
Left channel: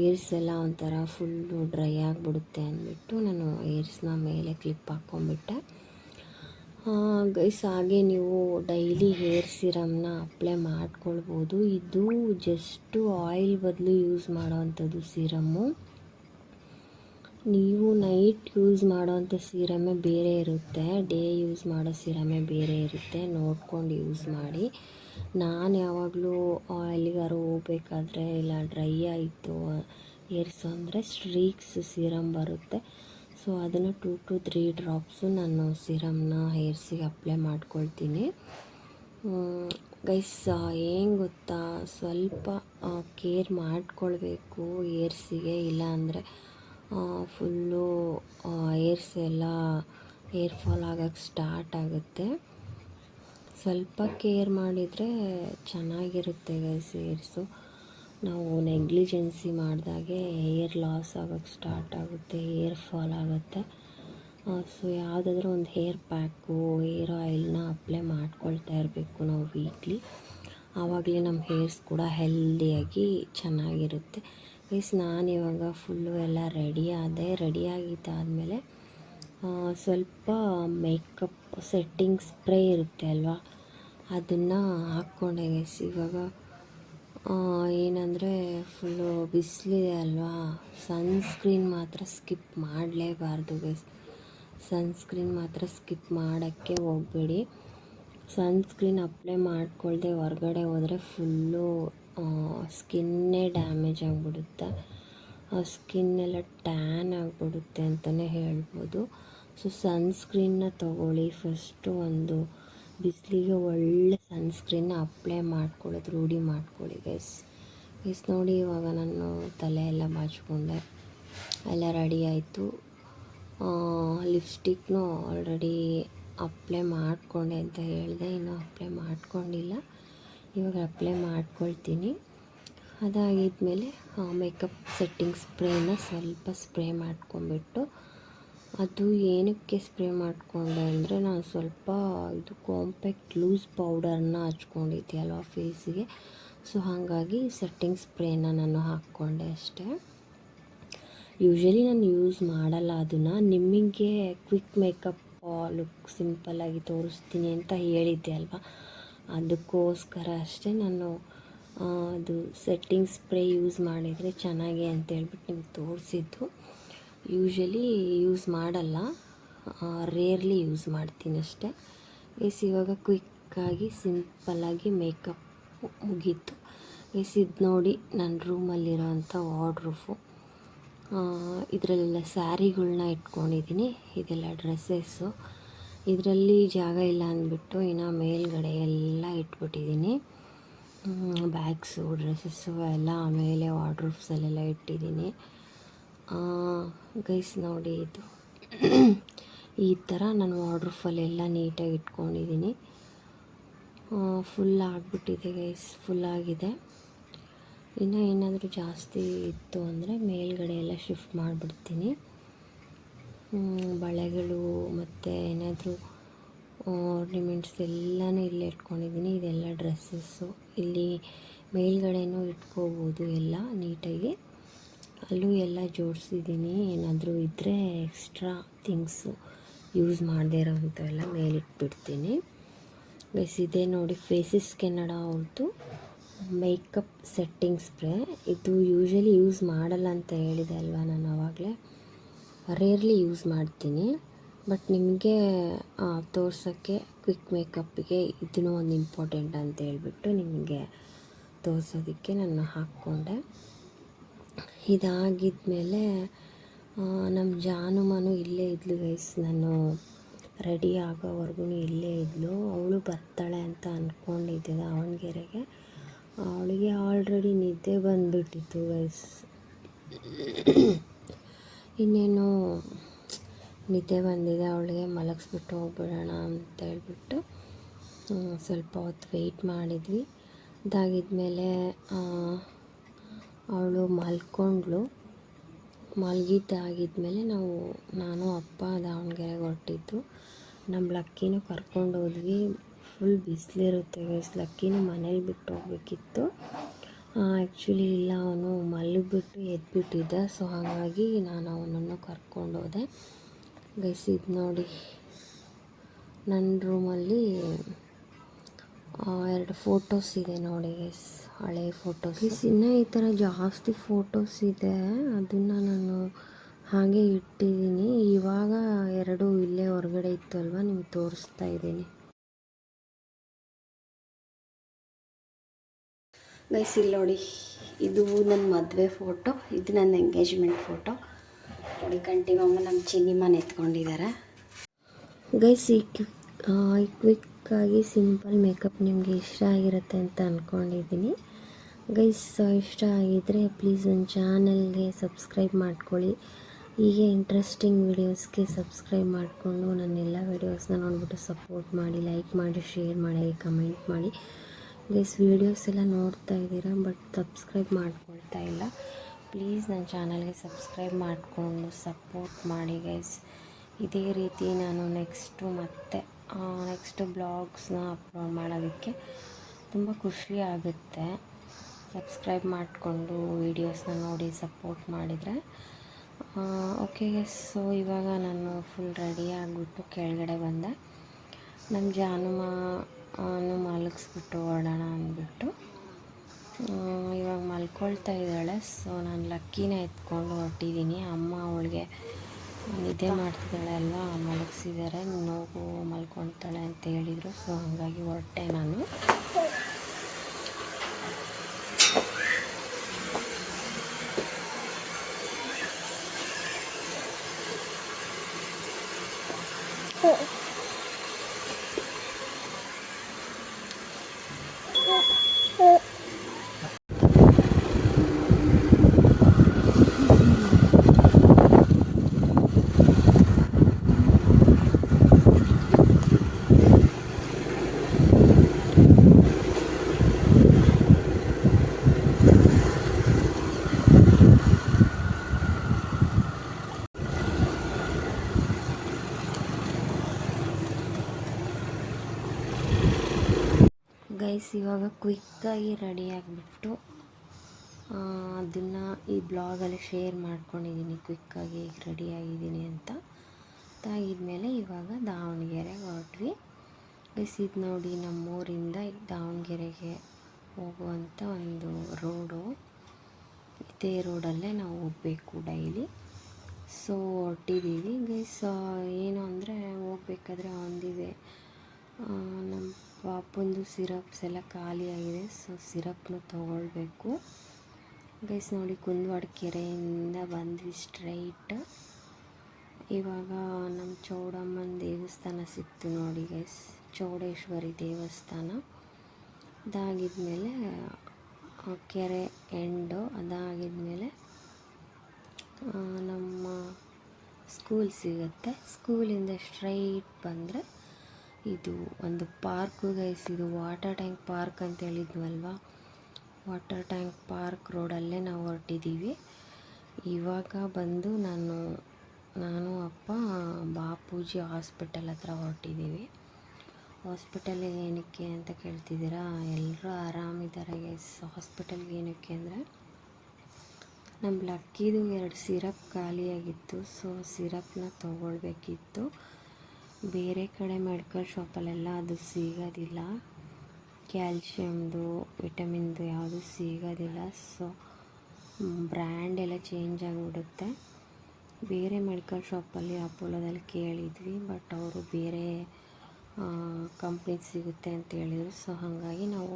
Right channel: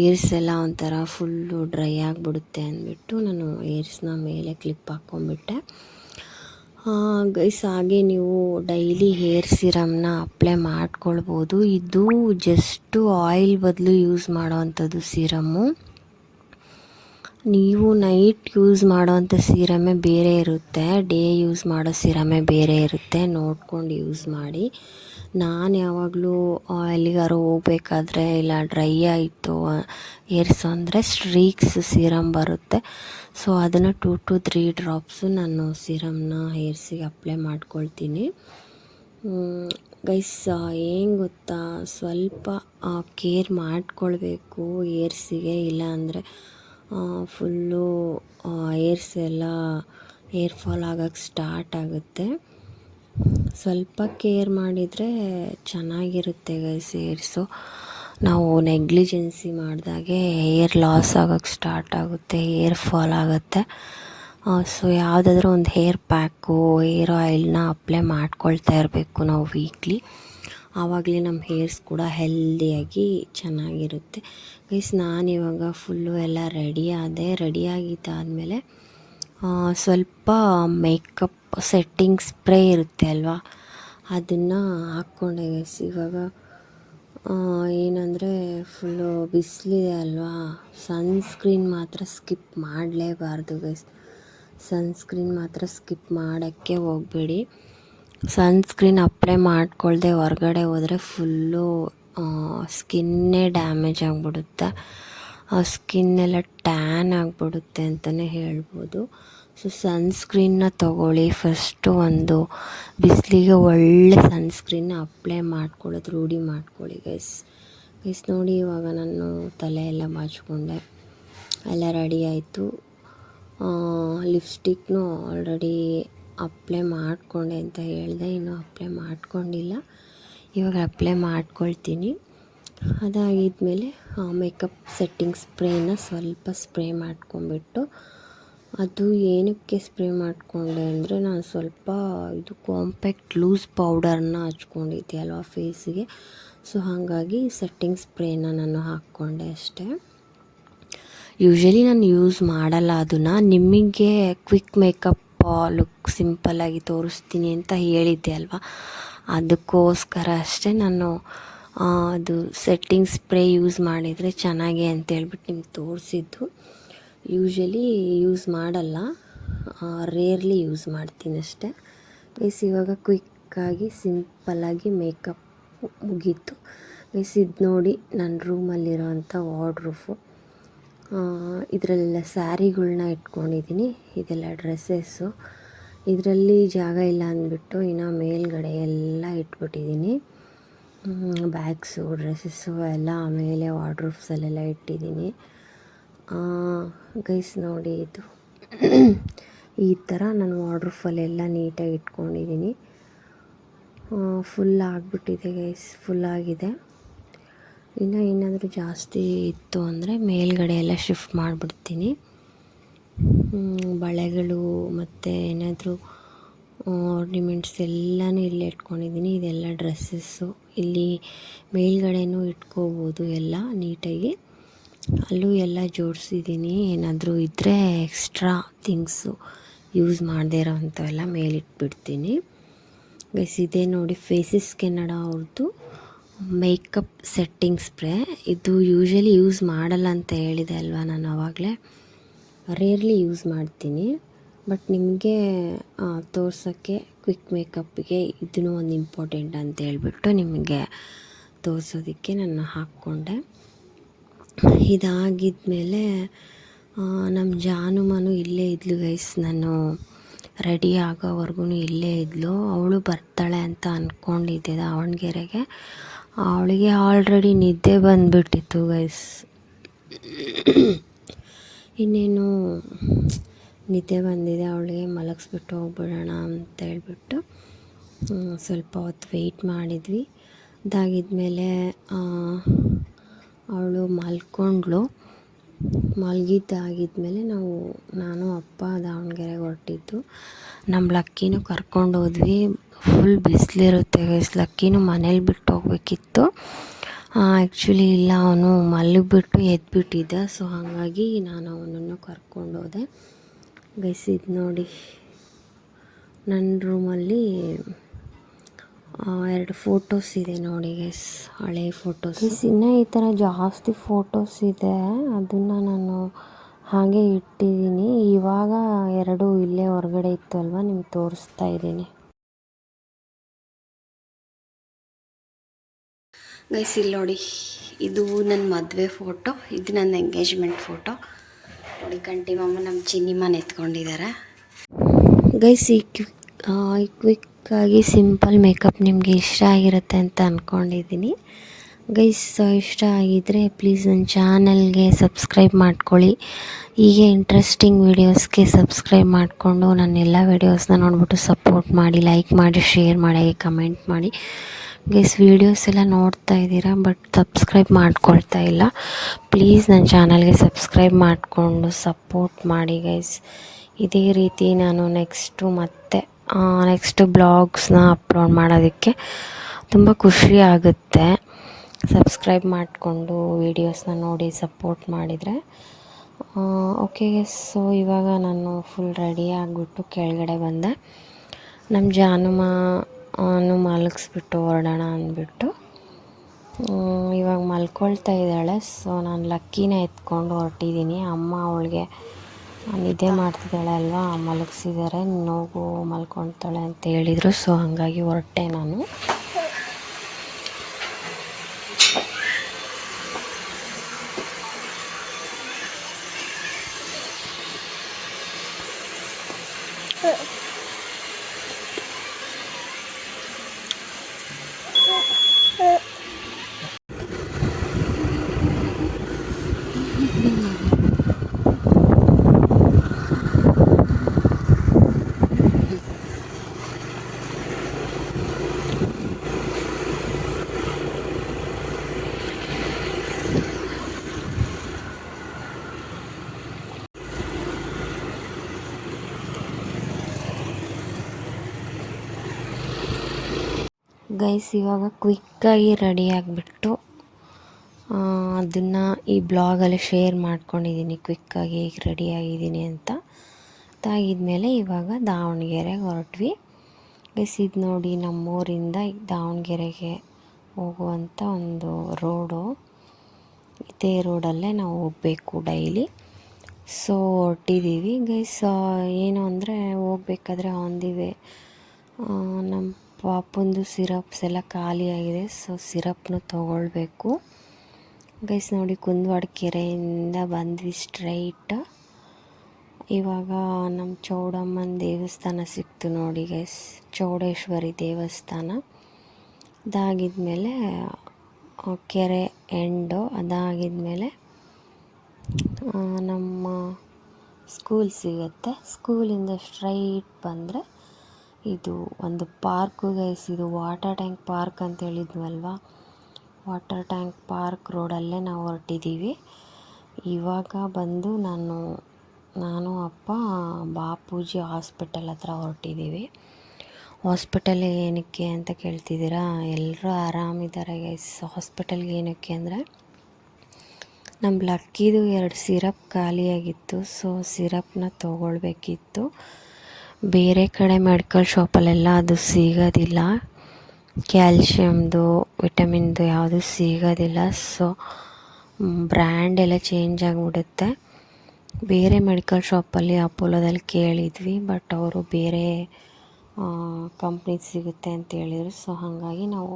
ಏರ್ಸ್ ಎಲ್ಲ ಒಂಥರ ಫುಲ್ಲು ಡ್ರೈ ಆಗಿಬಿಡುತ್ತೆ ಅಂದ್ಬಿಟ್ಟು ನಾನು ಏರ್ಸ್ನ ಮೇಲೆ ಕ್ಲಿಪ್ ಹಾಕ್ಕೊಂಬಿಟ್ಟೆ ಗೈಸ್. ಹಾಗೆ ನೀವು ಡೈಲಿ ಹೇರ್ ಸಿರಮ್ನ ಅಪ್ಲೈ ಮಾಡ್ಕೊಳ್ಬೋದು. ಇದು ಜಸ್ಟು ಆಯಿಲ್ ಬದಲು ಯೂಸ್ ಮಾಡೋವಂಥದ್ದು ಸೀರಮ್ಮು. ನೀವು ನೈಟ್ ಯೂಸ್ ಮಾಡೋವಂಥ ಸೀರಮೇ ಬೇರೆ ಇರುತ್ತೆ, ಡೇ ಯೂಸ್ ಮಾಡೋ ಸೀರಮೇ ಬೇರೆ ಇರುತ್ತೆ. ನೋಡ್ಕೊಂಡು ಯೂಸ್ ಮಾಡಿ. ನಾನು ಯಾವಾಗಲೂ ಎಲ್ಲಿಗಾರು ಹೋಗ್ಬೇಕಾದ್ರೆ ಇಲ್ಲ ಡ್ರೈ ಆಯಿತು ಏರ್ಸ್ ಅಂದರೆ ಸ್ಟ್ರೀಕ್ಸ್ ಸೀರಮ್ ಬರುತ್ತೆ. ಸೊ ಅದನ್ನು 2 to 3 ಡ್ರಾಪ್ಸು ನಾನು ಸೀರಮ್ನ ಹೇರ್ಸಿಗೆ ಅಪ್ಲೈ ಮಾಡ್ಕೊಳ್ತೀನಿ ಗೈಸ್. ಏನು ಗೊತ್ತಾ, ಸ್ವಲ್ಪ ಕೇರ್ ಮಾಡಿಕೊಳ್ಬೇಕು ಏರ್ಸಿಗೆ, ಇಲ್ಲ ಅಂದರೆ ಫುಲ್ಲು ಏರ್ಸ್ ಎಲ್ಲ ಏರ್ ಫಾಲ್ ಆಗೋಕ್ಕೆ ಸ್ಟಾರ್ಟ್ ಆಗುತ್ತೆ. ಸ್ವಲ್ಪ ಕೇರ್ ಮಾಡಿದರೆ ಚೆನ್ನಾಗಿರುತ್ತೆ ಗೈಸ್ ಏರ್ಸು. ನಾವು ನೆಗ್ಲಿಜೆನ್ಸಿ ಮಾಡಿದಾಗೆ ಏರ್ ಲಾಸ್ ಆಗೋಕ್ಕೆ ಸ್ಟಾರ್ಟ್ ಆಗುತ್ತೆ, ಏರ್ ಫಾಲ್ ಆಗುತ್ತೆ. ಸೊ ಯಾವುದಾದ್ರೂ ಒಂದು ಹೇರ್ ಪ್ಯಾಕು, ಹೇರ್ ಆಯಿಲ್ನ ಅಪ್ಲೈ ಮಾಡ್ಕೊಳ್ತಾ ಇರಬೇಕು ನಾವು ವೀಕ್ಲಿ. ಆವಾಗಲೇ ನಮ್ಮ ಹೇರ್ಸ್ ಕೂಡ ಹೆಲ್ದಿಯಾಗಿ ಚೆನ್ನಾಗಿರುತ್ತೆ ಗೈಸ್. ನಾನಿವಾಗ ಫುಲ್ಲು ಎಲ್ಲ ರೆಡಿಯಾಗಿದ್ದಾದಮೇಲೆ ಸ್ವಲ್ಪ ಮೇಕಪ್ ಸೆಟ್ಟಿಂಗ್ ಸ್ಪ್ರೇ ಇರುತ್ತೆ ಅಲ್ವಾ, ಅದನ್ನು ಹಾಕ್ಕೊಂಡೆ ಗೈಸ್. ಇವಾಗ ಏನಂದರೆ ಫುಲ್ಲು ಬಿಸಿಲಿದೆ ಅಲ್ವಾ, ಸನ್ಸ್ಕ್ರೀನ್ ಮಾತ್ರ ಸ್ಕಿಪ್ ಮಾಡಲೇಬಾರ್ದು ಗೈಸ್. ಸನ್ಸ್ಕ್ರೀನ್ ಮಾತ್ರ ಸ್ಕಿಪ್ ಮಾಡೋಕ್ಕೆ ಹೋಗಬೇಡಿ. ಸನ್ಸ್ಕ್ರೀನ್ ಅಪ್ಲೈ ಮಾಡ್ಕೊಳ್ದೆ ಹೊರಗಡೆ ಹೋದರೆ ಫುಲ್ಲು ಸ್ಕಿನ್ನೇ ಡ್ಯಾಮೇಜ್ ಆಗಿಬಿಡುತ್ತೆ. ಸ್ಕಿನ್ನೆಲ್ಲ ಟ್ಯಾನ್ ಆಗಿಬಿಡುತ್ತೆ ಅಂತಲೇ ಹೇಳ್ಬೋದು. ಸೊ ಸನ್ಸ್ಕ್ರೀನ್ನ ತೊಗೊಳ್ಳಿ. ಫಸ್ಟು ಒಂದು ಬಿಸಿಲಿಗೆ ಒಳ್ಳೆ ಸನ್ಸ್ಕ್ರೀನ್ನ ಅಪ್ಲೈ ಮಾಡ್ಕೊಳ್ಳೋದು ರೂಢಿ ಮಾಡ್ಕೊಳ್ಳಿ ಗೈಸ್. ನೋಡಿ ಇವಾಗ ನಾನು ತಲೆ ಎಲ್ಲ ಬಾಚಿಕೊಂಡೆ, ಎಲ್ಲ ರೆಡಿ ಆಯಿತು. ಲಿಪ್ಸ್ಟಿಕ್ನು ಆಲ್ರೆಡಿ ಅಪ್ಲೈ ಮಾಡಿಕೊಂಡೆ ಅಂತ ಹೇಳಿದೆ, ಇನ್ನೂ ಅಪ್ಲೈ ಮಾಡ್ಕೊಂಡಿಲ್ಲ. ಇವಾಗ ಅಪ್ಲೈ ಮಾಡ್ಕೊಳ್ತೀನಿ. ಅದಾಗಿದ್ಮೇಲೆ ಮೇಕಪ್ ಸೆಟ್ಟಿಂಗ್ ಸ್ಪ್ರೇನ ಸ್ವಲ್ಪ ಸ್ಪ್ರೇ ಮಾಡ್ಕೊಂಬಿಟ್ಟು, ಅದು ಏನಕ್ಕೆ ಸ್ಪ್ರೇ ಮಾಡಿಕೊಂಡೆ ಅಂದರೆ, ನಾನು ಸ್ವಲ್ಪ ಇದು ಕಾಂಪ್ಯಾಕ್ಟ್ ಲೂಸ್ ಪೌಡರ್ನ ಹಚ್ಕೊಂಡಿದ್ದೆ ಅಲ್ವಾ ಫೇಸಿಗೆ, ಸೊ ಹಾಗಾಗಿ ಸೆಟ್ಟಿಂಗ್ ಸ್ಪ್ರೇನ ನಾನು ಹಾಕ್ಕೊಂಡೆ ಅಷ್ಟೇ. ಯೂಶ್ವಲಿ ನಾನು ಯೂಸ್ ಮಾಡಲ್ಲ ಅದನ್ನು. ನಿಮಗೆ ಕ್ವಿಕ್ ಮೇಕಪ್ ಲುಕ್ ಸಿಂಪಲ್ಲಾಗಿ ತೋರಿಸ್ತೀನಿ ಅಂತ ಹೇಳಿದ್ದೆ ಅಲ್ವಾ, ಅದಕ್ಕೋಸ್ಕರ ಅಷ್ಟೇ ನಾನು ಅದು ಸೆಟ್ಟಿಂಗ್ ಸ್ಪ್ರೇ ಯೂಸ್ ಮಾಡಿದರೆ ಚೆನ್ನಾಗಿ ಅಂತೇಳ್ಬಿಟ್ಟು ನಿಮ್ಗೆ ತೋರಿಸಿದ್ದು. ಯೂಶ್ವಲಿ ಯೂಸ್ ಮಾಡಲ್ಲ, ರೇರ್ಲಿ ಯೂಸ್ ಮಾಡ್ತೀನಿ ಅಷ್ಟೇ. ಗೈಸ್ ಇವಾಗ ಕ್ವಿಕ್ಕಾಗಿ ಸಿಂಪಲ್ಲಾಗಿ ಮೇಕಪ್ ಮುಗೀತು. ಗೈಸ್ ಇದು ನೋಡಿ ನನ್ನ ರೂಮಲ್ಲಿರೋವಂಥ ವಾರ್ಡ್ರೋಬು. ಇದರಲ್ಲೆಲ್ಲ ಸ್ಯಾರಿಗಳ್ನ ಇಟ್ಕೊಂಡಿದ್ದೀನಿ, ಇದೆಲ್ಲ ಡ್ರೆಸ್ಸಸ್ಸು. ಇದರಲ್ಲಿ ಜಾಗ ಇಲ್ಲ ಅಂದ್ಬಿಟ್ಟು ಇನ್ನು ಮೇಲ್ಗಡೆ ಎಲ್ಲ ಇಟ್ಬಿಟ್ಟಿದ್ದೀನಿ. ಬ್ಯಾಗ್ಸು, ಡ್ರೆಸ್ಸಸ್ಸು ಎಲ್ಲ ಆಮೇಲೆ ವಾರ್ಡ್ರೋಬ್ಸಲ್ಲೆಲ್ಲ ಇಟ್ಟಿದ್ದೀನಿ. ಗೈಸ್ ನೋಡಿ, ಇದು ಈ ಥರ ನಾನು ವಾರ್ಡ್ರೋಬಲ್ಲೆಲ್ಲ ನೀಟಾಗಿ ಇಟ್ಕೊಂಡಿದ್ದೀನಿ. ಫುಲ್ ಆಗಿಬಿಟ್ಟಿದೆ ಗೈಸ್, ಫುಲ್ಲಾಗಿದೆ. ಇನ್ನು ಏನಾದರೂ ಜಾಸ್ತಿ ಇತ್ತು ಅಂದರೆ ಮೇಲ್ಗಡೆ ಎಲ್ಲ ಶಿಫ್ಟ್ ಮಾಡಿಬಿಡ್ತೀನಿ. ಬಳೆಗಳು ಮತ್ತು ಏನಾದರೂ ಆರ್ನಿಮೆಂಟ್ಸ್ ಎಲ್ಲನೂ ಇಲ್ಲೇ ಇಟ್ಕೊಂಡಿದ್ದೀನಿ. ಇದೆಲ್ಲ ಡ್ರೆಸ್ಸಸ್ಸು. ಇಲ್ಲಿ ಮೇಲ್ಗಡೆನೂ ಇಟ್ಕೋಬೋದು ಎಲ್ಲ ನೀಟಾಗಿ. ಅಲ್ಲೂ ಎಲ್ಲ ಜೋಡಿಸಿದ್ದೀನಿ. ಏನಾದರೂ ಇದ್ದರೆ ಎಕ್ಸ್ಟ್ರಾ ಥಿಂಗ್ಸು ಯೂಸ್ ಮಾಡದೇ ಇರೋವಂಥವೆಲ್ಲ ಮೇಲಿಟ್ಬಿಡ್ತೀನಿ. ಗೈಸ್ ಇದೇ ನೋಡಿ ಫೇಸಸ್ ಕೆನಡಾ ಅವ್ರದ್ದು ಮೇಕಪ್ ಸೆಟ್ಟಿಂಗ್ ಸ್ಪ್ರೇ. ಇದು ಯೂಶ್ವಲಿ ಯೂಸ್ ಮಾಡಲ್ಲ ಅಂತ ಹೇಳಿದೆ ಅಲ್ವಾ ನಾನು ಆವಾಗಲೇ, ರೇರ್ಲಿ ಯೂಸ್ ಮಾಡ್ತೀನಿ. ಬಟ್ ನಿಮಗೆ ತೋರ್ಸೋಕ್ಕೆ ಕ್ವಿಕ್ ಮೇಕಪ್ಪಿಗೆ ಇದೂ ಒಂದು ಇಂಪಾರ್ಟೆಂಟ್ ಅಂತ ಹೇಳ್ಬಿಟ್ಟು ನಿಮಗೆ ತೋರಿಸೋದಕ್ಕೆ ನಾನು ಹಾಕ್ಕೊಂಡೆ. ಇದಾಗಿದ್ಮೇಲೆ ನಮ್ಮ ಜಾನುಮನು ಇಲ್ಲೇ ಇದ್ಲು ಗೈಸ್. ನಾನು ರೆಡಿ ಆಗೋವರೆಗೂ ಇಲ್ಲೇ ಇದ್ಲು. ಅವಳು ಬರ್ತಾಳೆ ಅಂತ ಅಂದ್ಕೊಂಡಿದ್ದೆ ದಾವಣಗೆರೆಗೆ. ಅವಳಿಗೆ ಆಲ್ರೆಡಿ ನಿದ್ದೆ ಬಂದುಬಿಟ್ಟಿತ್ತು ಗೈಸ್. ಇನ್ನೇನು ನಿದ್ದೆ ಬಂದಿದೆ, ಅವಳಿಗೆ ಮಲಗಿಸ್ಬಿಟ್ಟು ಹೋಗ್ಬಿಡೋಣ ಅಂತ ಹೇಳ್ಬಿಟ್ಟು ಸ್ವಲ್ಪ ಹೊತ್ತು ವೆಯ್ಟ್ ಮಾಡಿದ್ವಿ. ಅದಾಗಿದ್ಮೇಲೆ ಅವಳು ಮಲ್ಕೊಂಡ್ಳು. ಮಲಗಿದ್ದಾಗಿದ್ಮೇಲೆ ನಾನು ಅಪ್ಪ ದಾವಣಗೆರೆಗೆ ಹೊರಟಿದ್ದು. ನಮ್ಮ ಲಕ್ಕಿನೂ ಕರ್ಕೊಂಡು ಹೋದ್ವಿ. Full ಬಿಸಿಲಿರುತ್ತೆ guys. ಲಕ್ಕಿನೂ ಮನೇಲಿ ಬಿಟ್ಟು ಹೋಗ್ಬೇಕಿತ್ತು. ಆ್ಯಕ್ಚುಲಿ ಇಲ್ಲ, ಅವನು ಮಲಗಿಬಿಟ್ಟು ಎದ್ಬಿಟ್ಟಿದ್ದ. ಸೊ ಹಾಗಾಗಿ ನಾನು ಅವನನ್ನು ಕರ್ಕೊಂಡು ಹೋದೆ ಗೈಸ್. ಇದು ನೋಡಿ, ನನ್ನ ರೂಮಲ್ಲಿ 2 ಫೋಟೋಸ್ ಇದೆ ನೋಡಿ ಗೈಸ್, ಹಳೆ ಫೋಟೋಸ್. ಇನ್ನೂ ಈ ಥರ ಜಾಸ್ತಿ ಫೋಟೋಸ್ ಇದೆ, ಅದನ್ನು ನಾನು ಹಾಗೆ ಇಟ್ಟಿದ್ದೀನಿ. ಇವಾಗ 2 ಇಲ್ಲೇ ಹೊರಗಡೆ ಇತ್ತು ಅಲ್ವಾ, ನಿಮ್ಗೆ ತೋರಿಸ್ತಾ ಇದ್ದೀನಿ ಗೈಸ್. ಇಲ್ಲಿ ನೋಡಿ, ಇದು ನನ್ನ ಮದುವೆ ಫೋಟೋ, ಇದು ನನ್ನ ಎಂಗೇಜ್ಮೆಂಟ್ ಫೋಟೋ ನೋಡಿ. ಕಂಟಿ ಮಾಮ ನಮ್ಮ ಚಿನ್ನಿಮ್ಮನ ಎತ್ಕೊಂಡಿದ್ದಾರೆ ಗೈಸ್. ಈ ಕ್ವಿಕ್ಕಾಗಿ ಸಿಂಪಲ್ ಮೇಕಪ್ ನಿಮಗೆ ಇಷ್ಟ ಆಗಿರುತ್ತೆ ಅಂತ ಅಂದ್ಕೊಂಡಿದ್ದೀನಿ ಗೈಸ್. ಇಷ್ಟ ಆಗಿದ್ದರೆ ಪ್ಲೀಸ್ ನನ್ನ ಚಾನಲ್ಗೆ ಸಬ್ಸ್ಕ್ರೈಬ್ ಮಾಡ್ಕೊಳ್ಳಿ. ಹೀಗೆ ಇಂಟ್ರೆಸ್ಟಿಂಗ್ ವೀಡಿಯೋಸ್ಗೆ ಸಬ್ಸ್ಕ್ರೈಬ್ ಮಾಡಿಕೊಂಡು ನನ್ನೆಲ್ಲ ವೀಡಿಯೋಸ್ನ ನೋಡ್ಬಿಟ್ಟು ಸಪೋರ್ಟ್ ಮಾಡಿ, ಲೈಕ್ ಮಾಡಿ, ಶೇರ್ ಮಾಡಿ, ಕಮೆಂಟ್ ಮಾಡಿ ಗೈಸ್. ವೀಡಿಯೋಸ್ ಎಲ್ಲ ನೋಡ್ತಾ ಇದ್ದೀರಾ, ಬಟ್ ಸಬ್ಸ್ಕ್ರೈಬ್ ಮಾಡ್ಕೊಳ್ತಾ ಇಲ್ಲ. ಪ್ಲೀಸ್ ನನ್ನ ಚಾನಲ್ಗೆ ಸಬ್ಸ್ಕ್ರೈಬ್ ಮಾಡಿಕೊಂಡು ಸಪೋರ್ಟ್ ಮಾಡಿ ಗೈಸ್. ಇದೇ ರೀತಿ ನಾನು ನೆಕ್ಸ್ಟ್ ಬ್ಲಾಗ್ಸ್ನ ಅಪ್ಲೋಡ್ ಮಾಡೋದಕ್ಕೆ ತುಂಬ ಖುಷಿ ಆಗುತ್ತೆ. ಸಬ್ಸ್ಕ್ರೈಬ್ ಮಾಡಿಕೊಂಡು ವೀಡಿಯೋಸ್ನ ನೋಡಿ ಸಪೋರ್ಟ್ ಮಾಡಿದರೆ ಓಕೆ ಗೈಸ್. ಸೊ ಇವಾಗ ನಾನು ಫುಲ್ ರೆಡಿ ಆಗಿಬಿಟ್ಟು ಕೆಳಗಡೆ ಬಂದೆ. ನಮ್ಮ ಜಾನುಮನು ಮಲಗಿಸ್ಬಿಟ್ಟು ಹೊರಡೋಣ ಅಂದ್ಬಿಟ್ಟು ಇವಾಗ ಮಲ್ಕೊಳ್ತಾ ಇದ್ದಾಳೆ. ಸೊ ನಾನು ಲಕ್ಕಿನೇ ಎತ್ಕೊಂಡು ಹೊರಟಿದ್ದೀನಿ. ಅಮ್ಮ ಅವಳಿಗೆ ನಿದ್ದೆ ಮಾಡ್ತಿದ್ದಾಳೆ ಅಲ್ವಾ, ಮಲಗಿಸಿದ್ದಾರೆ, ನೋವು ಮಲ್ಕೊಳ್ತಾಳೆ ಅಂತ ಹೇಳಿದರು. ಸೊ ಹಾಗಾಗಿ ಹೊರಟೆ ನಾನು. ಗೈಸ್ ಇವಾಗ ಕ್ವಿಕ್ಕಾಗಿ ರೆಡಿ ಆಗಿಬಿಟ್ಟು ಅದನ್ನು ಈ ಬ್ಲಾಗಲ್ಲಿ ಶೇರ್ ಮಾಡ್ಕೊಂಡಿದ್ದೀನಿ, ಕ್ವಿಕ್ಕಾಗಿ ಈಗ ರೆಡಿ ಆಗಿದ್ದೀನಿ ಅಂತ. ಅದಾಗಿದ್ಮೇಲೆ ಇವಾಗ ದಾವಣಗೆರೆಗೆ ಹೊರಟ್ವಿ. ಗೈಸ್ ಇದು ನೋಡಿ ನಮ್ಮೂರಿಂದ ಈಗ ದಾವಣಗೆರೆಗೆ ಹೋಗುವಂಥ ಒಂದು ರೋಡು. ಇದೇ ರೋಡಲ್ಲೇ ನಾವು ಹೋಗಬೇಕು ಡೈಲಿ. So ಹೊರಟಿದ್ದೀವಿ guys. ಏನು ಅಂದರೆ ಹೋಗ್ಬೇಕಾದ್ರೆ ಆನ್ ದಿ ವೇ ನಮ್ಮ ಪಾಪುಂದು ಸಿರಪ್ಸ್ ಎಲ್ಲ ಖಾಲಿಯಾಗಿದೆ. ಸೊ ಸಿರಪ್ನು ತೊಗೊಳ್ಬೇಕು ಗೈಸ್. ನೋಡಿ ಕುಂದವಾಡ ಕೆರೆಯಿಂದ ಬಂದ್ವಿ ಸ್ಟ್ರೈಟ್. ಇವಾಗ ನಮ್ಮ ಚೌಡಮ್ಮನ ದೇವಸ್ಥಾನ ಸಿಕ್ತು ನೋಡಿ ಗೈಸ್, ಚೌಡೇಶ್ವರಿ ದೇವಸ್ಥಾನ. ಅದಾಗಿದ್ಮೇಲೆ ಕೆರೆ ಎಂಡು. ಅದಾಗಿದ್ಮೇಲೆ ನಮ್ಮ ಸ್ಕೂಲ್ ಸಿಗುತ್ತೆ. ಸ್ಕೂಲಿಂದ ಸ್ಟ್ರೈಟ್ ಬಂದರೆ ಇದು ಒಂದು ಪಾರ್ಕು ಗೈಸ್. ಇದು ವಾಟರ್ ಟ್ಯಾಂಕ್ ಪಾರ್ಕ್ ಅಂತ ಹೇಳಿದ್ವಲ್ವ, ವಾಟರ್ ಟ್ಯಾಂಕ್ ಪಾರ್ಕ್ ರೋಡಲ್ಲೇ ನಾವು ಹೊರಟಿದ್ದೀವಿ. ಇವಾಗ ಬಂದು ನಾನು ಅಪ್ಪ ಬಾಪೂಜಿ ಹಾಸ್ಪಿಟಲ್ ಹತ್ರ ಹೊರಟಿದ್ದೀವಿ. ಹಾಸ್ಪಿಟಲ್ ಏನಕ್ಕೆ ಅಂತ ಕೇಳ್ತಿದ್ದೀರಾ? ಎಲ್ಲರೂ ಆರಾಮಿದ್ದಾರೆ ಗೈಸ್. ಹಾಸ್ಪಿಟಲ್ಗೆ ಏನಕ್ಕೆ ಅಂದರೆ ನಮ್ಮ ಲಕ್ಕಿದು 2 ಸಿರಪ್ ಖಾಲಿಯಾಗಿತ್ತು. ಸೊ ಸಿರಪ್ನ ತೊಗೊಳ್ಬೇಕಿತ್ತು. ಬೇರೆ ಕಡೆ ಮೆಡಿಕಲ್ ಶಾಪಲ್ಲೆಲ್ಲ ಅದು ಸಿಗೋದಿಲ್ಲ, ಕ್ಯಾಲ್ಶಿಯಮ್ದು ವಿಟಮಿನ್ದು ಯಾವುದು ಸಿಗೋದಿಲ್ಲ. ಸೊ ಬ್ರ್ಯಾಂಡ್ ಎಲ್ಲ ಚೇಂಜ್ ಆಗಿಬಿಡುತ್ತೆ. ಬೇರೆ ಮೆಡಿಕಲ್ ಶಾಪಲ್ಲಿ ಅಪೋಲೋದಲ್ಲಿ ಕೇಳಿದ್ವಿ, ಬಟ್ ಅವರು ಬೇರೆ ಕಂಪ್ನಿದು ಸಿಗುತ್ತೆ ಅಂತ ಹೇಳಿದರು. ಸೊ ಹಾಗಾಗಿ ನಾವು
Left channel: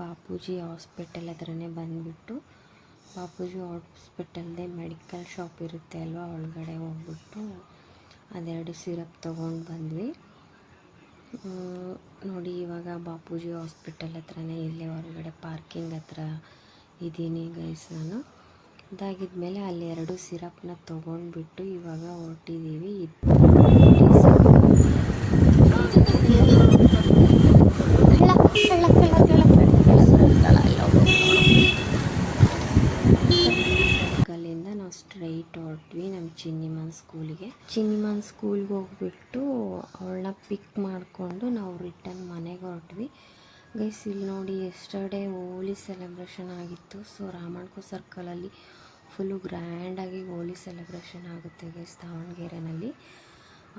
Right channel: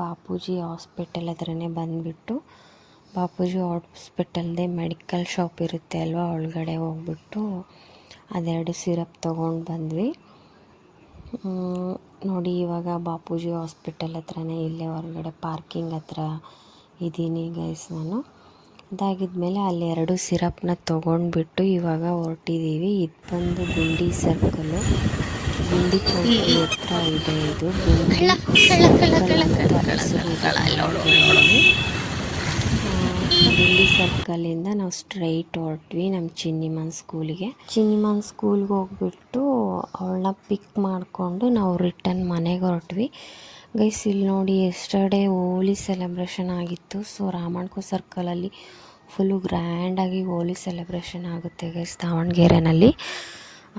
ಬಾಪೂಜಿ ಹಾಸ್ಪಿಟಲ್ ಹತ್ರನೇ ಬಂದುಬಿಟ್ಟು, ಬಾಪೂಜಿ ಹಾಸ್ಪಿಟಲ್ದೇ ಮೆಡಿಕಲ್ ಶಾಪ್ ಇರುತ್ತೆ ಅಲ್ವಾ, ಒಳಗಡೆ ಹೋಗ್ಬಿಟ್ಟು ಅದೆರಡು ಸಿರಪ್ ತೊಗೊಂಡು ಬಂದ್ವಿ. ನೋಡಿ ಇವಾಗ ಬಾಪೂಜಿ ಹಾಸ್ಪಿಟಲ್ ಹತ್ರನೇ ಇಲ್ಲೇ ಹೊರಗಡೆ ಪಾರ್ಕಿಂಗ್ ಹತ್ರ ಇದ್ದೀನಿ ಗೈಸ್ ನಾನು. ಅದಾಗಿದ್ಮೇಲೆ ಅಲ್ಲಿ 2 ಸಿರಪ್ನ ತೊಗೊಂಡ್ಬಿಟ್ಟು ಇವಾಗ ಹೊರಟಿದ್ದೀವಿ. ಇದು ಬಂದು ಗಿಂಡಿ ಸರ್ಕಲ್, ಗಿಂಡಿ ಚೌಕ ಗಿಂಡಿ ಸರ್ಕಲಿಂದ ನಾವು ಸ್ಟ್ರೈಟ್ ಹೊರಟ್ವಿ ನಮ್ಮ ಚಿನ್ನಿಮನ್ ಸ್ಕೂಲಿಗೆ. ಚಿನ್ನಿಮನ್ ಸ್ಕೂಲ್ಗೆ ಹೋಗ್ಬಿಟ್ಟು ಅವಳನ್ನ ಪಿಕ್ ಮಾಡಿಕೊಂಡು ನಾವು ರಿಟರ್ನ್ ಮನೆಗೆ ಹೊರಟ್ವಿ ಗೈಸ್. ಇಲ್ಲಿ ನೋಡಿ ಎಸ್ಟರ್ಡೇ ಹೋಲಿ ಸೆಲೆಬ್ರೇಷನ್ ಆಗಿತ್ತು. ಸೊ ರಾಮಣ್ಕೋ ಸರ್ಕಲಲ್ಲಿ ಫುಲ್ಲು ಗ್ರ್ಯಾಂಡಾಗಿ ಹೋಲಿ ಸೆಲೆಬ್ರೇಷನ್ ಆಗುತ್ತೆ ಗೈಸ್ ದಾವಣಗೆರೆನಲ್ಲಿ.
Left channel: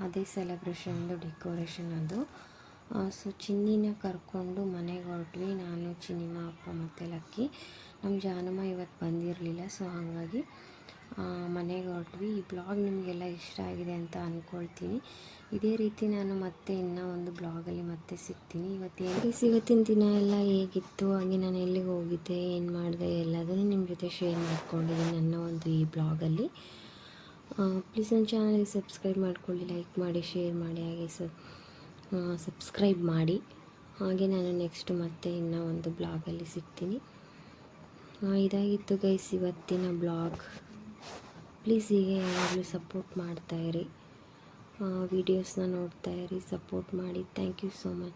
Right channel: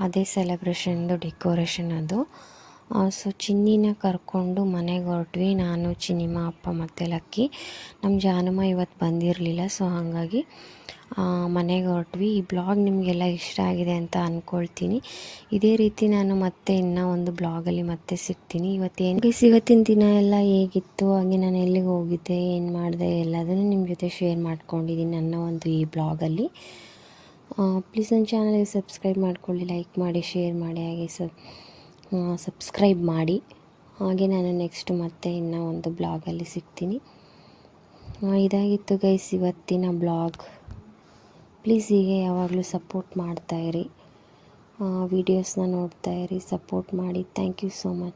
ಅದೇ ಸೆಲೆಬ್ರೇಷನ್ದು ಡೆಕೋರೇಷನ್ ಅದು. ಸೊ ಚಿನ್ನಿನ ಕರ್ಕೊಂಡು ಮನೆಗೆ ಹೊರಟ್ವಿ. ನಾನು, ಚಿನ್ನಿಮ್ಮ, ಅಪ್ಪ ಮತ್ತು ಲಕ್ಕಿ. ನಮ್ಮ ಜಾನಮ್ಮ ಇವತ್ತು ಬಂದಿರಲಿಲ್ಲ. ಸೊ ಹಾಗಾಗಿ ಮನೆಗೆ ಹೊರಟ್ವಿ. ಈ ಬ್ಲಾಗ್ ನಿಮಗೆಲ್ಲ ಇಷ್ಟ ಆಗಿದೆ ಅಂತ ಅಂದ್ಕೊಳ್ತೀನಿ. ಇದೇ ರೀತಿ ನಾನು ಮತ್ತೆ ಇನ್ನೂ ಒಂದು ಬ್ಲಾಗಲ್ಲಿ ಮತ್ತೆ ಸಿಗ್ತೀನಿ. ಇವತ್ತಿನ ದಿನ ಎಲ್ಲ ಹೇಗಿತ್ತು, ಹಾಗೆ ನಾನು ಎಲ್ಲಿಗೆ ಹೋಗಿದ್ದೆ, ಏನು ಮಾಡಿದೆ ಎಲ್ಲದನ್ನು ನಿಮ್ಮ ಜೊತೆ ಶೇರ್ ಮಾಡ್ಕೊಂಡಿದ್ದೀನಿ ನನ್ನ ಒಂದು ಈ ಬ್ಲಾಗಲ್ಲಿ. ಪ್ಲೀಸ್ ನನ್ನ ಚಾನಲ್ಗೆ ಸಬ್ಸ್ಕ್ರೈಬ್ ಮಾಡ್ಕೊಳ್ಳಿ, ಲೈಕ್ ಮಾಡಿ, ಶೇರ್ ಮಾಡಿ, ಹಾಗೆ ಸಬ್ಸ್ಕ್ರೈಬ್ ಮಾಡಿ. ಹಾಗೆ ನಾನು ನೆಕ್ಸ್ಟ್ ಮತ್ತೆ ಇನ್ನೂ ಒಂದು ಬ್ಲಾಗಲ್ಲಿ ಸಿಗ್ತೀನಿ. ಇದಾಗಿತ್ತು ಗೈಸ್ ಇವತ್ತಿನ ಬ್ಲಾಗ್. ಪ್ಲೀಸ್ ಹೀಗೆ ಯಾವಾಗಲೂ ಸಪೋರ್ಟ್ ಮಾಡ್ತಾಯಿರಿ, ವೀಡಿಯೋಸ್ನ ನೋಡ್ತಾಯಿರಿ, ಸಪೋರ್ಟ್ ಮಾಡಿ. Thank you so much.